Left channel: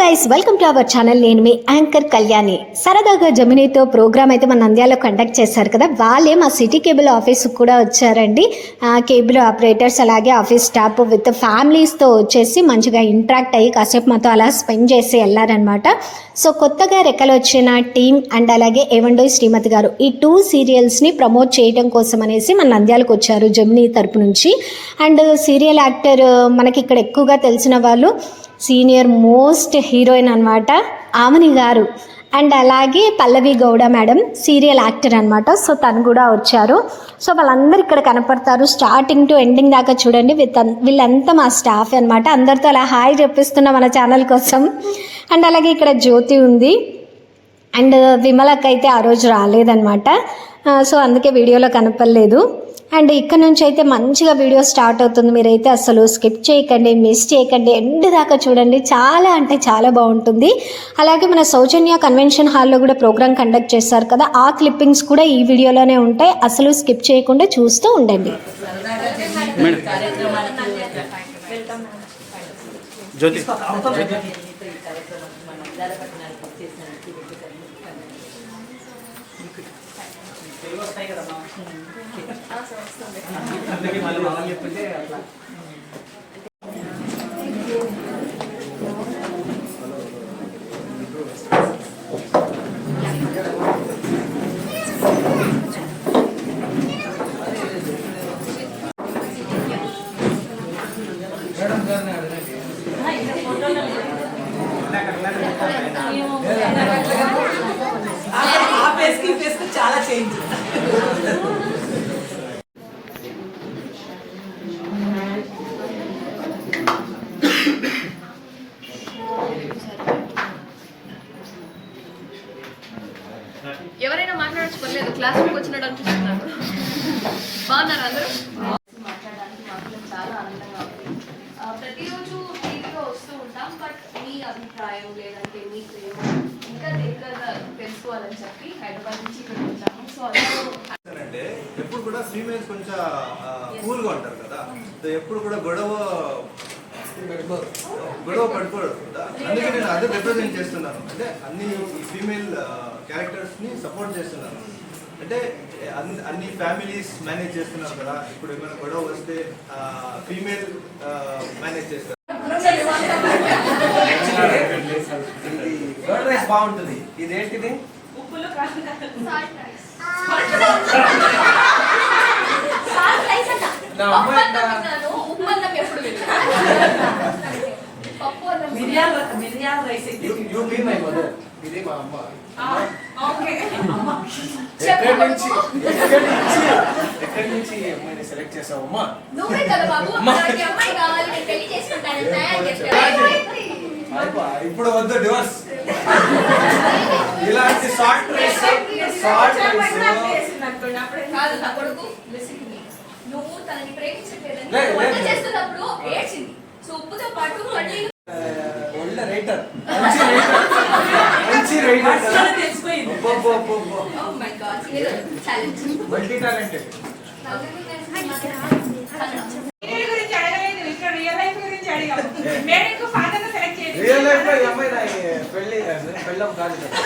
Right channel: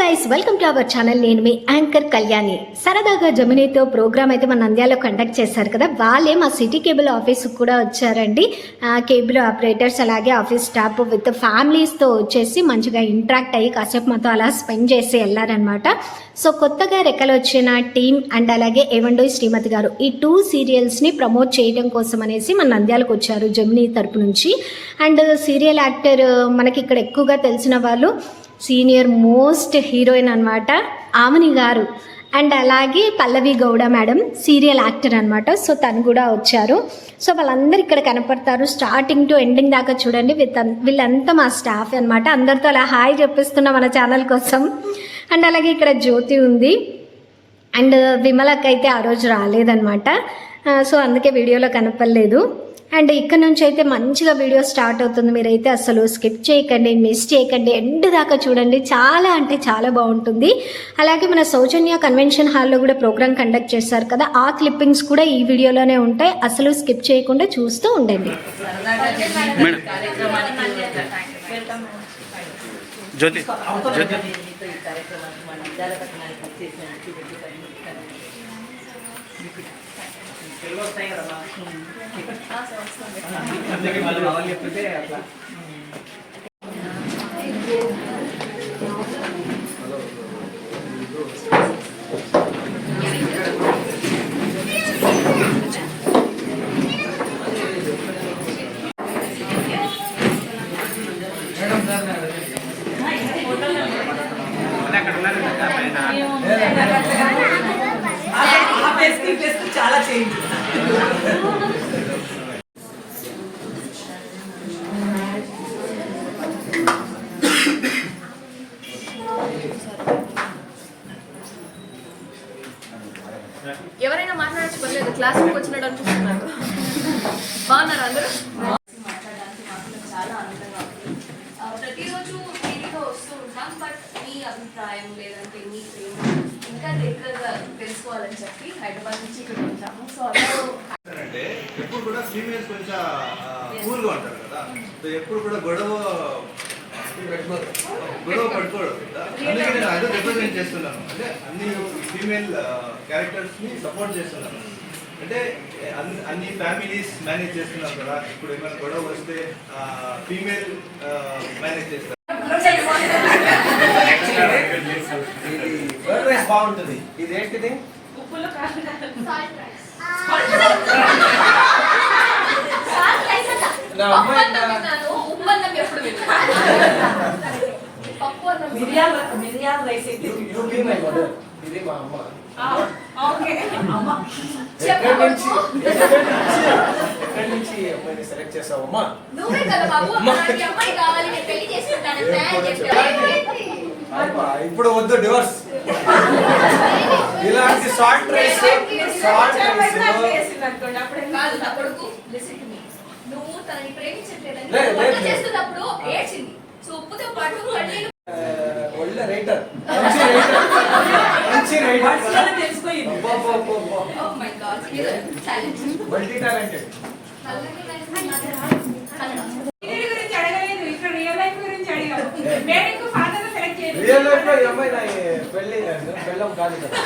Guys, welcome to our channel. నేను మీ anchor Kalyani. సరదాగా జమినీతో programme అయితే మన నంద్యాలలో కండక్ట్ చేశారు కదా, వాళ్ళే మా సిటీ కేబుల్ ఆఫీస్కి కూడా వచ్చారండి. కేబుల్ ఆపరేటర్స్ అలాగే ఆఫీస్ స్టాఫ్ విత్ ఫ్యామిలీస్తో వచ్చేసి మంచిగా ఇంటరాక్ట్ అయ్యి కాసేపు మాతో అలా స్పెండ్ చేసి వెళ్ళారనమాట. సో కొత్తగా రెక్కలు వచ్చిన టీం అండ్ అలాగే ఏవండో శ్రీమతి గారు ఈ 2 సీరియల్స్ని ప్రమోట్ చేయడం కోసం అనేసి మన నంద్యాలకు వచ్చారు జమినీ తరపు నుంచి. అండ్ సీరియల్ యాక్టర్ మనకి ఇక్కడ ఎక్కువగా తెలిసిన వాళ్ళు సీనియర్ మోస్ట్ హీరోయిన్ అనమాట ఆమని గారు, అండ్ అలాగే పల్లవి గౌడ మేడం సీరియల్ యాక్టర్ అనమాట. సో తను కూడా వచ్చారు. సో వాళ్ళందరూ ఇక్కడ కనపడతారు స్టార్టింగ్ టు ఎండింగ్ దాకా చూడండి. వీళ్ళంతా మా స్టాఫ్ అనమాట. అందరితో అలా హాయ్ చెప్పిస్తున్నా మన ఛానల్ కోసం. అండ్ అలాగే ఇక్కడ జ్యోతి ఉంది అండ్ విమలకైతే ఆ రోజు రాలేదన్నమాట. సో అందుకే వీడియోలో కనపడలేదు. అండ్ ఇక్కడ నుంచి అయితే మంచిగా వీడియో స్టార్ట్ అవుతుంది. మీరైతే అసలు స్కిప్ చేయకండి, మిస్ చేయకండి, ఎండ్ దాకా చూడండి. చాలా అంటే చాలా బాగుంటుంది. అలాగే మన సౌజన్య కన్వెన్షన్ హాల్లో కూడా ప్రోగ్రామ్ కండక్ట్ చేశారు కదా, ఆ క్లిప్పింగ్స్ కూడా ఈ వీడియోలోనే ఉంటాయి. అసలు స్కిప్ చేయకుండా చూస్తూ ఉండండి. చాలా చేంజ్. ఎవరైనా మాట్లాడచ్చు, పర్లేదు. క్లాస్ రూమ్కి వచ్చినట్టు అనిపిస్తున్నారు. బాగున్నారు అందరూ? మాట్లాడడానికి మాకు చాలా ఆనందంగా ఉంది. ప్రతిరోజు టీవీలో వస్తూ ఉంటాం, బట్ మీ అభిప్రాయం లేదంటే మీ ప్రేమ ఇంకా దగ్గరగా తెలుసుకోవాలని చెప్పి హైదరాబాద్ నుంచి ఇక్కడ ఉంటాము. సో అంటే ఎప్పుడు కూడా ఫీమేల్స్ కొంచెం కూల్గా ఉంటారు కదా, సో ఎప్పుడు కూడా గొడవ పడుకోవడం. అందుకే నేను అదే రిప్రజెంట్ చేస్తున్నాను. అంటే అన్ని ఫీమేల్ క్యారెక్టర్స్ ని సపోర్ట్ చేస్తున్నాను. అంటే అన్ని ఫ్యామిలీస్ మేనేజ్ చేస్తున్నారు కదా, ఇప్పుడు ఏమైనా గొడవ వస్తే ఫీమేల్ మేనేజ్ చేస్తారు. బాగుంటుంది. ఇదేంటిది? ఇది మా అమ్మ. ఎక్కడి నుంచి అమ్మాయిని సెలెక్ట్ చేసావమ్మా? ఇప్పుడు వద్దు డివోర్స్. ఇలాంటి షార్ట్ రేస్ నువ్వు తనని ప్రేమించట్లేదని చేస్తున్నప్పుడు ఏడ్చింది. సో ఉప్పుతో పాటు ఒళ్ళ రైటర్, మంచి writer multi talented. Real life లో ఈ అమ్మాయి పెళ్ళం కాదు కదా.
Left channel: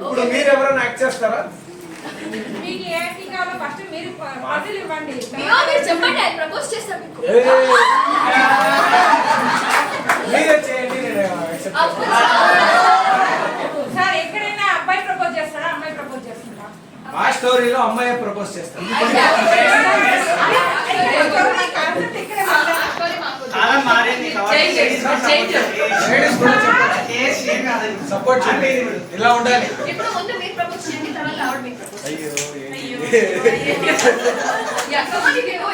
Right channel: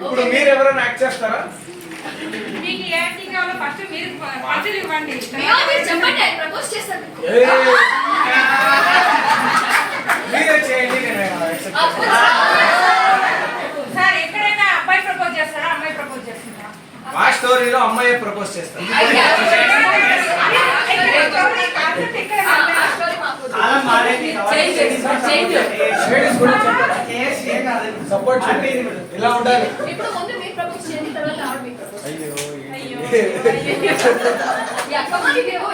ఇప్పుడు మీరు ఎవరైనా యాక్ట్ చేస్తారా? మీరే చేయండి. ఎక్కడైనా అబ్బాయి ప్రపోజ్ చేస్తారా, అమ్మాయి ప్రపోజ్ చేస్తారా? మా స్టోరీలో అమ్మాయి ప్రపోజ్ చేస్తాం. సపోర్ట్ చేయండి. ఇలా ఉండాలి.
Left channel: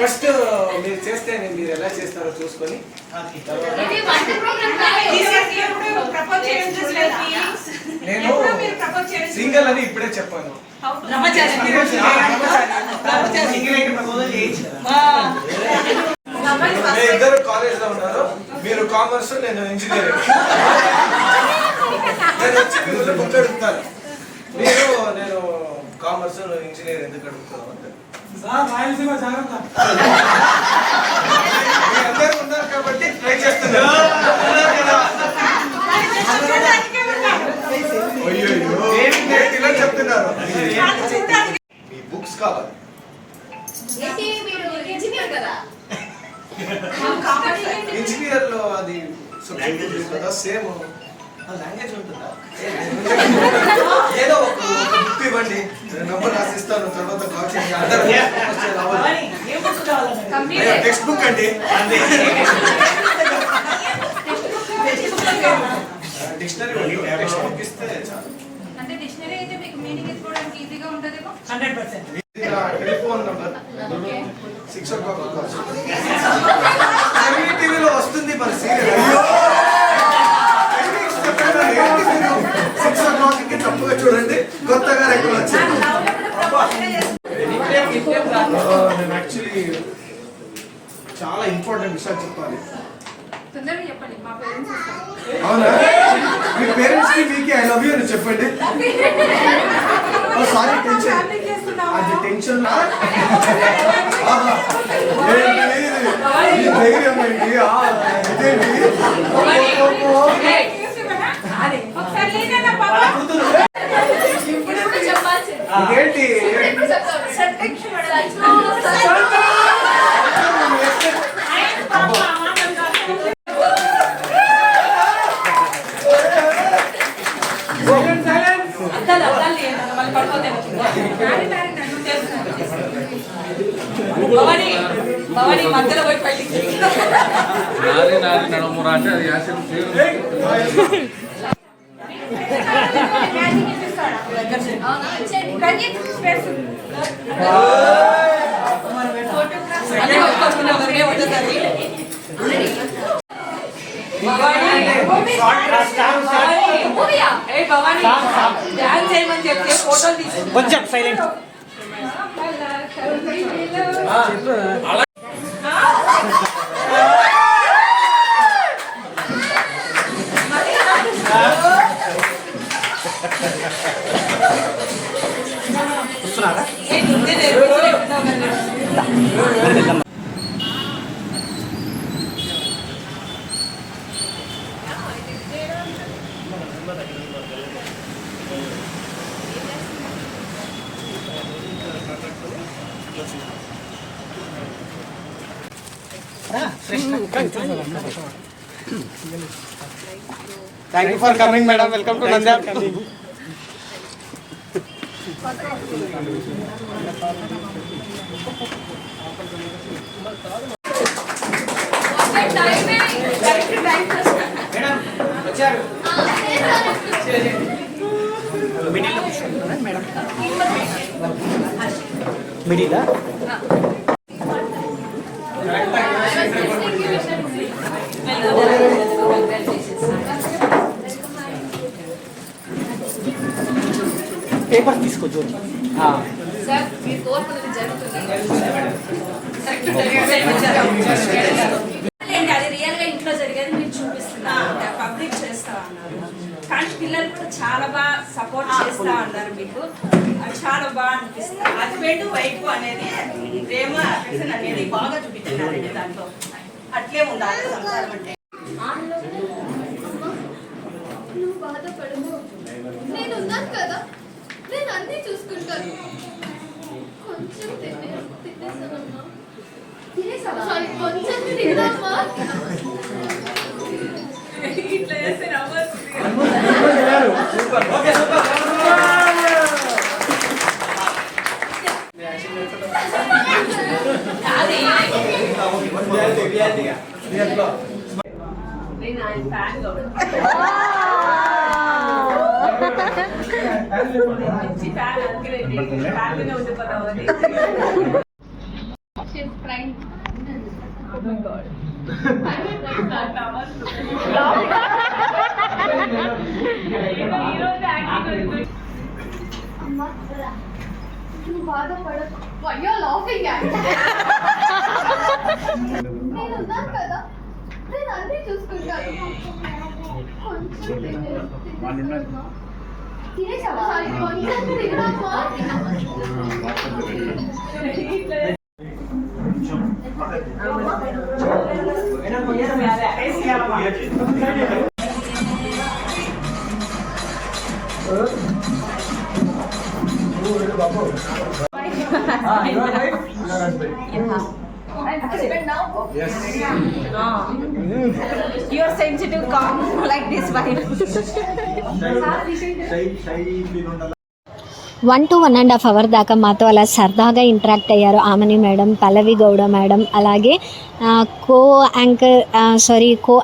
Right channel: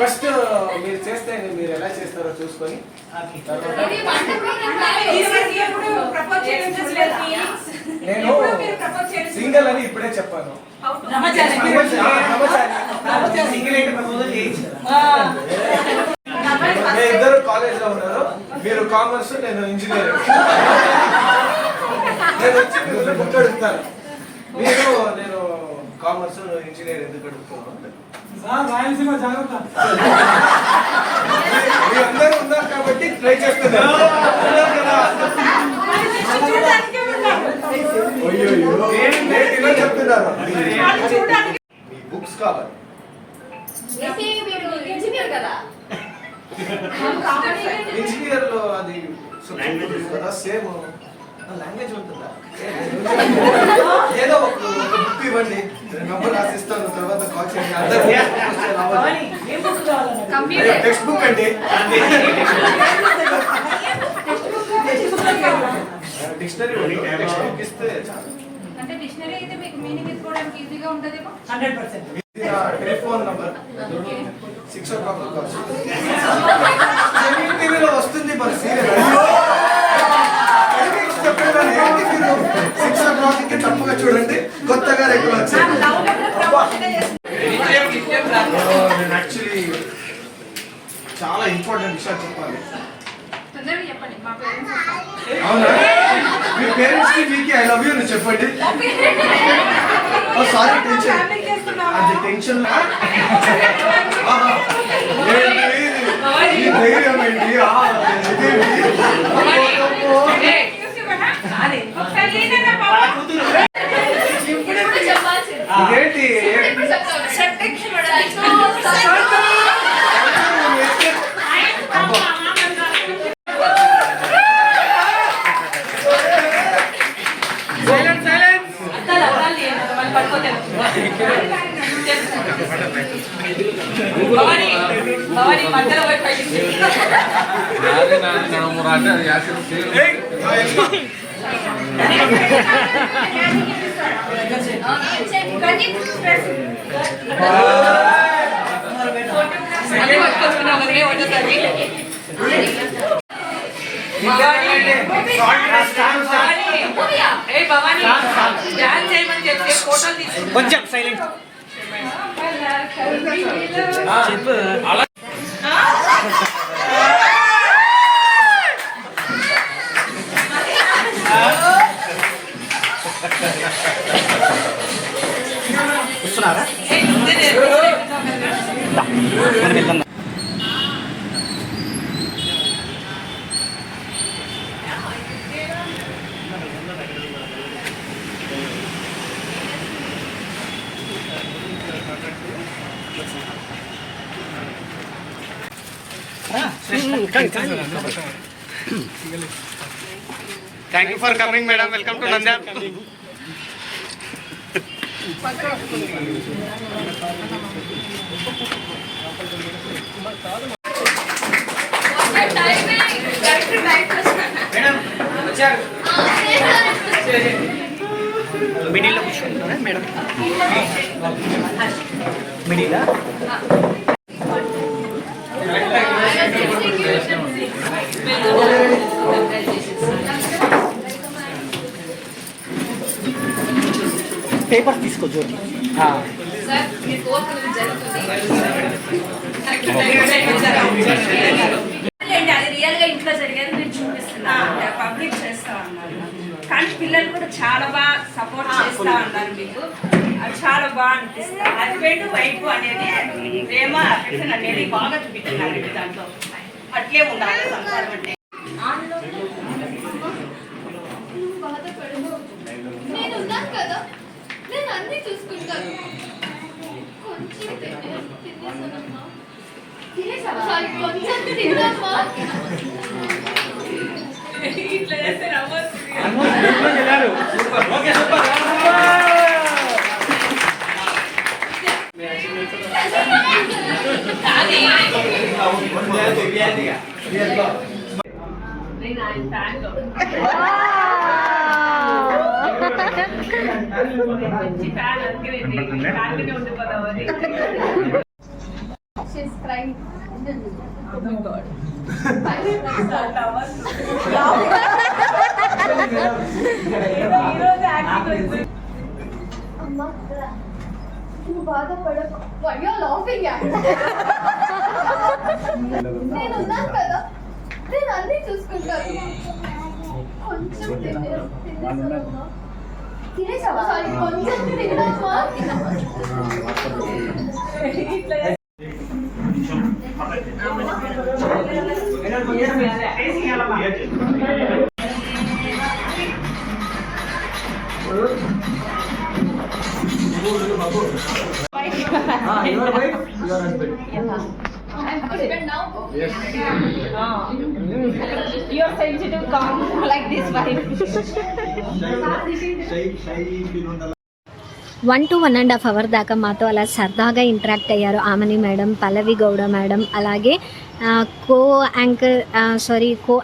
ఫస్ట్ మీరు చేస్తే మీరు ఎలా చేస్తారో చూసుకొని నేను సింగిల్ అని ఇప్పుడే చెప్పాను. ఇద్దరు కాలేజ్ లో ఉన్నారు. మీరు కామర్స్, నేను ఇంజనీరింగ్. నేను వచ్చి బుక్ అడుగుతాను. నేను కామర్స్ ఇంజనీర్ ఎందుకు అడుగుతున్నావు అంటే రాయలసీమ జాగ్రత్త. అందరూ ఉన్నారు కాబట్టి ట్రై చేస్తున్నారు. ఉన్నారు కదా. అయ్యో ఇలా చెప్తున్నారు. మీ బుక్స్ కావాలి. ఇంజనీర్ లో అది సబ్జెక్ట్ ఉంటుంది కదా, సేమ్ లాంగ్వేజ్ ఉంటుందా? ఏదో ఒక బుక్ ఇవ్వండి, నెంబర్ రాసిస్తాను, తర్వాత కాల్ చేయండి. అందరూ టెక్స్ట్ బుక్ అండి. డిక్షనరీ టెక్స్ట్ బుక్ ఇస్తే చాలు. అంటే డిక్షనరీ అయితే మీకు మీనింగ్ ఎత్తుకోవడానికి ఈజీగా ఉంటదేమో. 100%. టెలిఫోన్ నంబర్ 6 o'clock టీవీలో వస్తుంది మరి సీరియల్. అయ్యో చెప్పేదాన్ని ఏంటి మీరు 6 o'clock కి తప్పుగా చూడండి, కొత్తగా ఎక్కువ వచ్చాను. నేను యాక్చువల్లీ చాలా ఇంపార్టెంట్ విషయాలు చెప్పాలి. తొందరగా చెప్పండి, మా పేరెంట్స్ వస్తారు. అవునా? మీ పేరెంట్స్ కి మీకి ఐ లవ్ యూ అని చెప్పండి. సారీ టెన్షన్, అది టెన్షన్. ఏంటి ఈ ధైర్యం ఏంటి? ఇదేంటి? ఒకసారి ఏదైనా పాప ఇదేంటి? కొంచెం silent. Thank you for coming, madam. Welcome to Nandyal. Paper తీసుకో జ్యోతి. సార్ మీ కోర్స్ అనేది జరుగుతుంది. అది రియల్ గా ఇంట్లో జరిగేది నేను చూపిస్తున్నా, పబ్లిక్ చేస్తా ఉన్నారు. కానీ పిల్లలు కూడా చాలా బాగా సపోర్ట్ చేస్తా ఉన్నారు మీకు. అది చాలా బాగా అనిపిస్తుంది. హస్బెండ్ వైఫ్ అనేది ప్రేమ అఫెక్షన్ అనేది బాగా చూపించారండి దాంట్లో. అట్లే ఉండాలి సంసారం అంటే. నువ్వు బాధపడను, నేను ఉన్నాను కదా, నేను అన్నీ చూసుకుంటాను. కొంచెం తినేసానమ్మా. చాలు, కొంచెం తినమ్మా. ఇట్లా చేస్తే నవ్వచ్చు. నేను ఆయన ఫ్యాన్ మంచి ఫ్యాన్, అందుకే ఫ్యాన్గానే ఉండిపోతామని. She's crying. Oh my God. అమ్మా, నువ్వు బాధపడకు. Why you're laughing at me? నేను ఉన్నాను కదా, నేను అన్నీ చూసుకుంటాను. కొంచెం తినేసానమ్మా. తినేసావా? సారీ, కొంచెం తిన్నావా? I'm husband now. Yes. You are sensitive, calm like this wife. shy 1 to 1.5 hours దాకా మాతో అలా సరదాగా ఇంటరాక్ట్ అయ్యారు ఆమని మేడం, పల్లవి గౌడ మేడం, అలాగే కో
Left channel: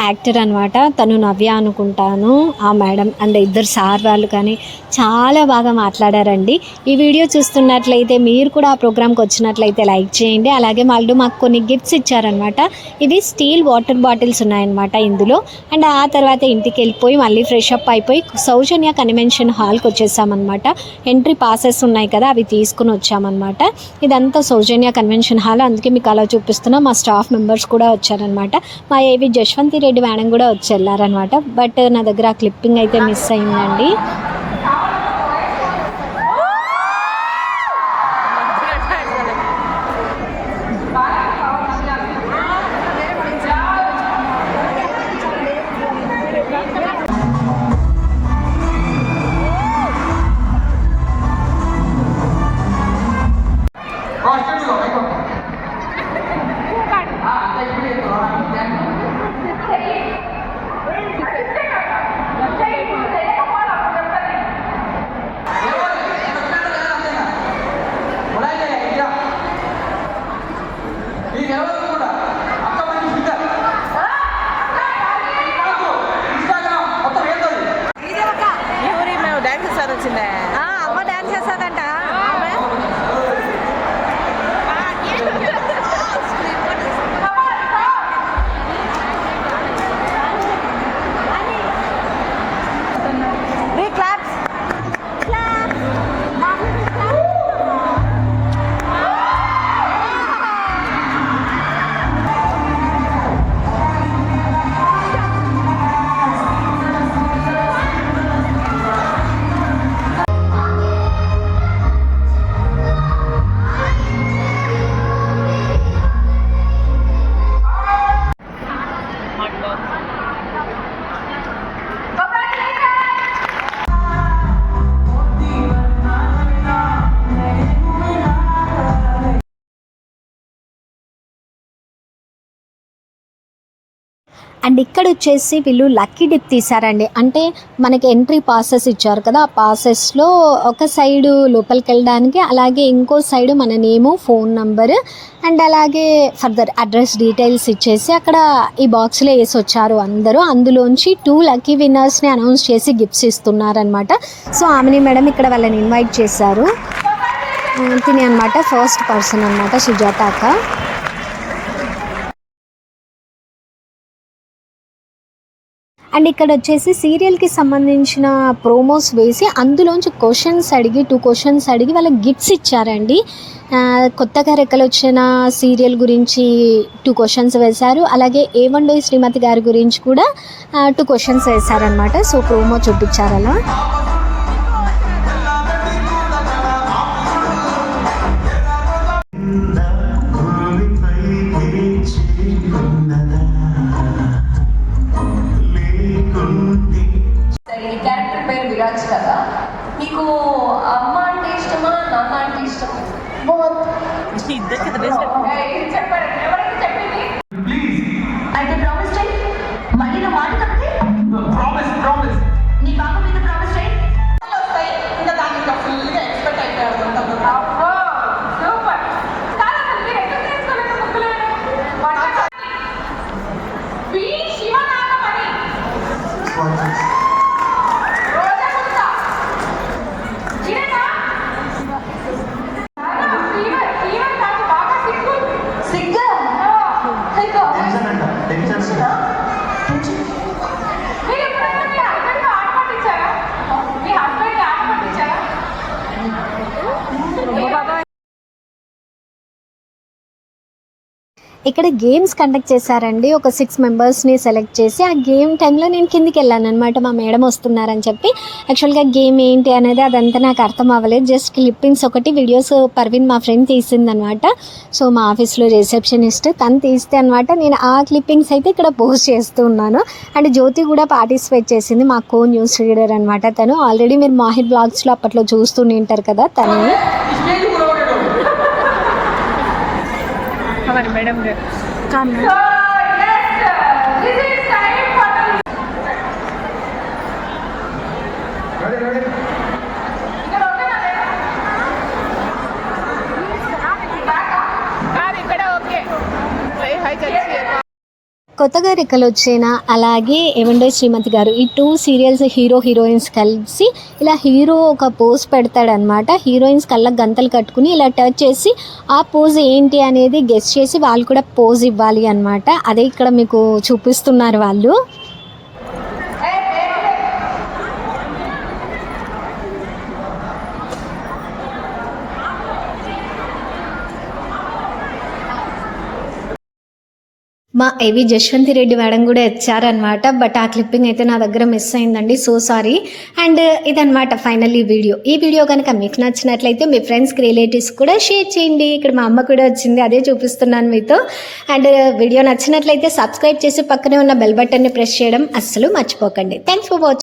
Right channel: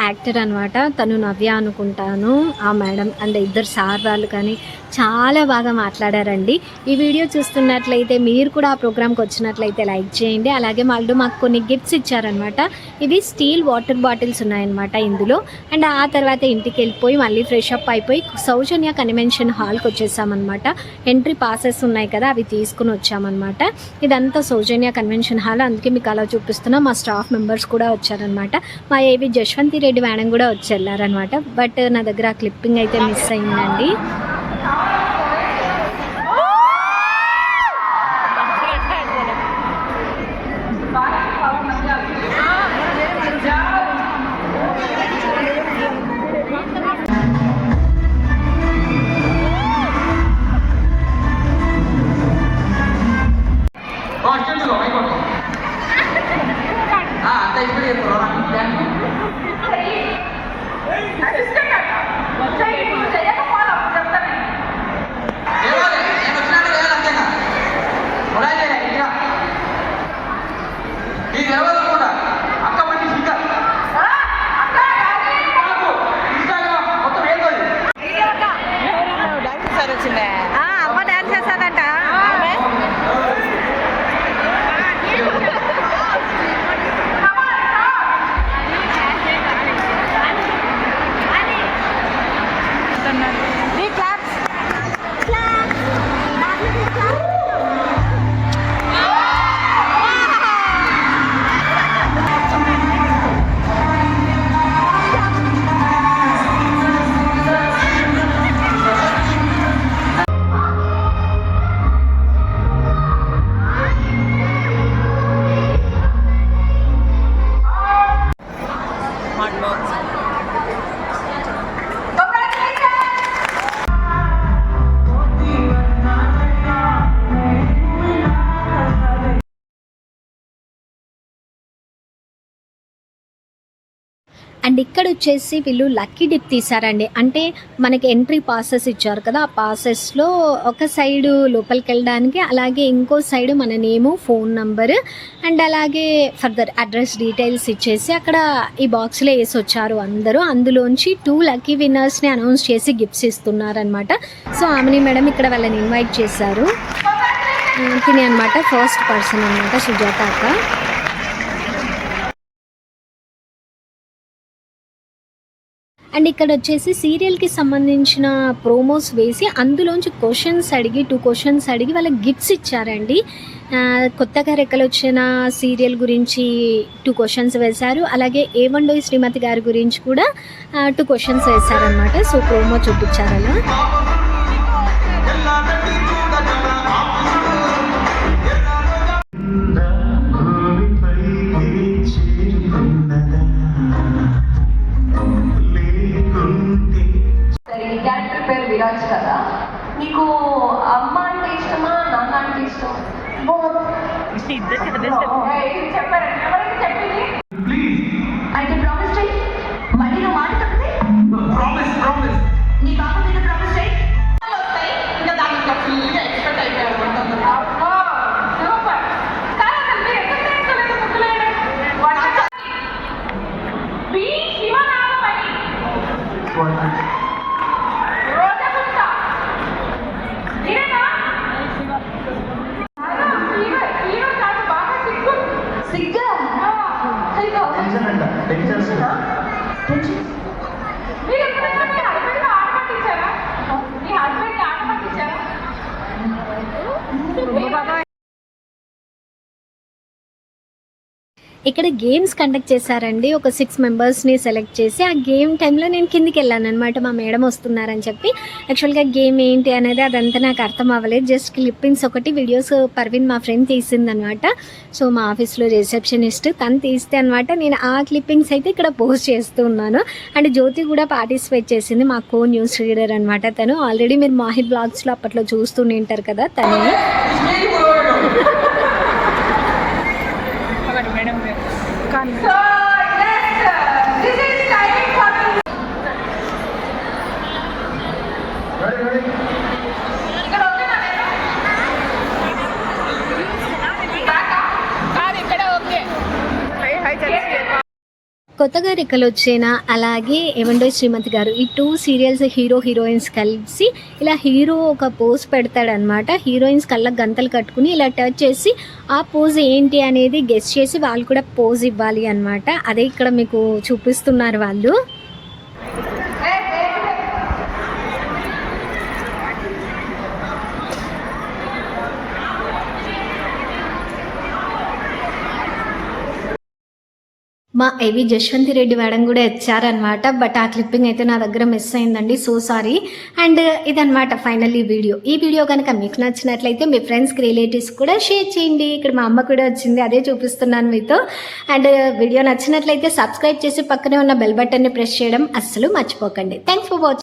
యాక్టర్ అనమాట, తను నవ్య అనుకుంటాను ఆ మేడం, అండ్ ఇద్దరు సార్ వాళ్ళు కానీ చాలా బాగా మాట్లాడారండి. ఈ వీడియో చూస్తున్నట్లయితే మీరు కూడా ఆ ప్రోగ్రామ్కి వచ్చినట్లయితే లైక్ చేయండి. అలాగే వాళ్ళు మాకు కొన్ని గిఫ్ట్స్ ఇచ్చారనమాట. ఇవి స్టీల్ వాటర్ బాటిల్స్ ఉన్నాయన్నమాట ఇందులో. అండ్ ఆ తర్వాత ఇంటికి వెళ్ళిపోయి మళ్ళీ ఫ్రెష్ అప్ అయిపోయి సౌజన్య కన్వెన్షన్ హాల్కి వచ్చేసామన్నమాట. ఎంట్రీ పాసెస్ ఉన్నాయి కదా, అవి తీసుకుని వచ్చామన్నమాట. ఇదంతా సౌజన్య కన్వెన్షన్ హాల్, అందుకే మీకు అలా చూపిస్తున్నా. మా స్టాఫ్ మెంబర్స్ కూడా వచ్చారనమాట. మా ఏవి జశ్వంతి రెడ్డి మేడం కూడా వచ్చి వెళ్ళారనమాట. బట్ నా దగ్గర ఆ క్లిప్పింగ్ అయితే మిస్ అయిందండి. అమ్మ డాన్స్ చేస్తాదంట. అండ్ ఇక్కడ వచ్చేసి వీళ్ళు లక్కీ డిప్ తీశారండి. అంటే మనకి ఎంట్రీ పాసెస్ ఇచ్చారు కదా, ఆ పాసెస్లో ఒక సైడు లోపలికి వెళ్ళడానికి, అలాగే ఇంకో సైడు మన నేము, ఫోన్ నంబర్, అండ్ అలాగే ఫర్దర్ అడ్రస్ డీటెయిల్స్ ఇచ్చేసి అక్కడ ఈ బాక్స్లో వేసి వచ్చారు అందరూ. అందులోంచి 2 లక్కీ విన్నర్స్ని అనౌన్స్ చేసి గిఫ్ట్స్ ఇస్తున్నారనమాట. సో ఆమెని మేడం ఇక్కడ వాళ్ళని ఇన్వైట్ చేశారు. తిని అనమాట ఫస్ట్ పర్సన్ అనమాట, సుజాత అక్క. అండ్ ఇక్కడ వచ్చేసి సీరియల్కి సంబంధించిన ప్రోమోస్ వేసి అందులోంచి క్వశ్చన్స్ అడిగి 2 క్వశ్చన్స్ అడిగి వాళ్ళకి గిఫ్ట్స్ ఇచ్చారండి. కొత్తగా రెక్కలు వచ్చిన సీరియల్ గురించి 2 క్వశ్చన్స్ వేశారు. అలాగే ఏవండో శ్రీమతి గారి గురించి కూడా 2 క్వశ్చన్స్ వేశారనమాట. సో ప్రోమో చూపించారు అలా. క్యారెక్టర్ పేరు విరాజ్ కదా, నీకు అమ్మ అంటే ఇష్టమా, నాన్న అంటే ఇష్టమా? చెప్పారండి, ఎవరికి చెప్పింది? అయితే ప్రామిస్ చేయి, మళ్ళీ నా మాట తప్పితే నీ బాబు మీద ప్రామిస్ చేయి. ఇంకా దానికి ఫుల్గా ఎక్స్పెక్ట్ అయిపోయారు. ఇక్కడ గేమ్స్ కండక్ట్ చేశారండి. ఒక 6 మెంబర్స్ని సెలెక్ట్ చేసి ఆ గేమ్ టైంలో నేను కిందికి వెళ్ళాను అనమాట. మా మేడం వస్తున్నారని చెప్పి. యాక్చువల్గా గేమ్ ఏంటి అనేది అదంతా నాకు అర్థం అవ్వలేదు. జస్ట్ క్లిప్పింగ్స్ ఒకటి వీడియోస్ పర్వీన్ మా ఫ్రెండ్ తీసిందనమాట. సో మా ఆఫీస్లో రిసెప్షనిస్ట్ తను తీస్తే అనమాట. నేను ఆ క్లిప్పింగ్స్ అయితే ఇక్కడ పోస్ట్ చేస్తూ ఉన్నాను. అండ్ జ్యోతి కూడా పార్టిసిపేట్ చేసింది. మా కో న్యూస్ రీడర్ అనమాట తను. ఆల్రెడీ మీరు మాహిర్ బ్లాగ్స్లో అప్పట్లో చూస్తూ ఉంటారు కదా తను. కొత్తగా రెక్కలు వచ్చేనా, అలాగే ఏమండో శ్రీమతి గారు, ఈ 2 సీరియల్స్ హీరోయిన్స్ కలిసి ఇలా హీరో ఒక పోజ్ పెడతాడనమాట. హీరోయిన్స్ కళ్ళకు గంతలు కట్టుకుని ఇలా టచ్ చేసి ఆ పోజ్ ఏంటి అనేది గెస్ చేసి వాళ్ళు కూడా పోజ్ ఇవ్వాలి అనమాట. అదే ఇక్కడ మీకు చూపిస్తున్నారు వాళ్ళు. మా ఏవి జశ్వంతి రెడ్డి మేడం కూడా వచ్చారనమాట. బట్ ఆ క్లిప్పింగ్ అయితే నా దగ్గర మిస్ అయిందండి. So sorry. అండ్ ఇదనమాట ఫైనల్ ఈ వీడియో కనుక మీకు నచ్చినట్లయితే మీ ఫ్రెండ్స్కి రిలేటివ్స్ కూడా షేర్ చేయండి. ఇక్కడ మా అమ్మ కూడా వచ్చింది, అదే చూపిస్తున్నాను మీతో. అండ్ వీడియో నచ్చినట్లయితే సబ్స్క్రైబ్ చేసి పక్కనే ఉన్న బెల్ బటన్ని ప్రెస్ చేయడం అస్సలు మర్చిపోకండి. Thanks for watching.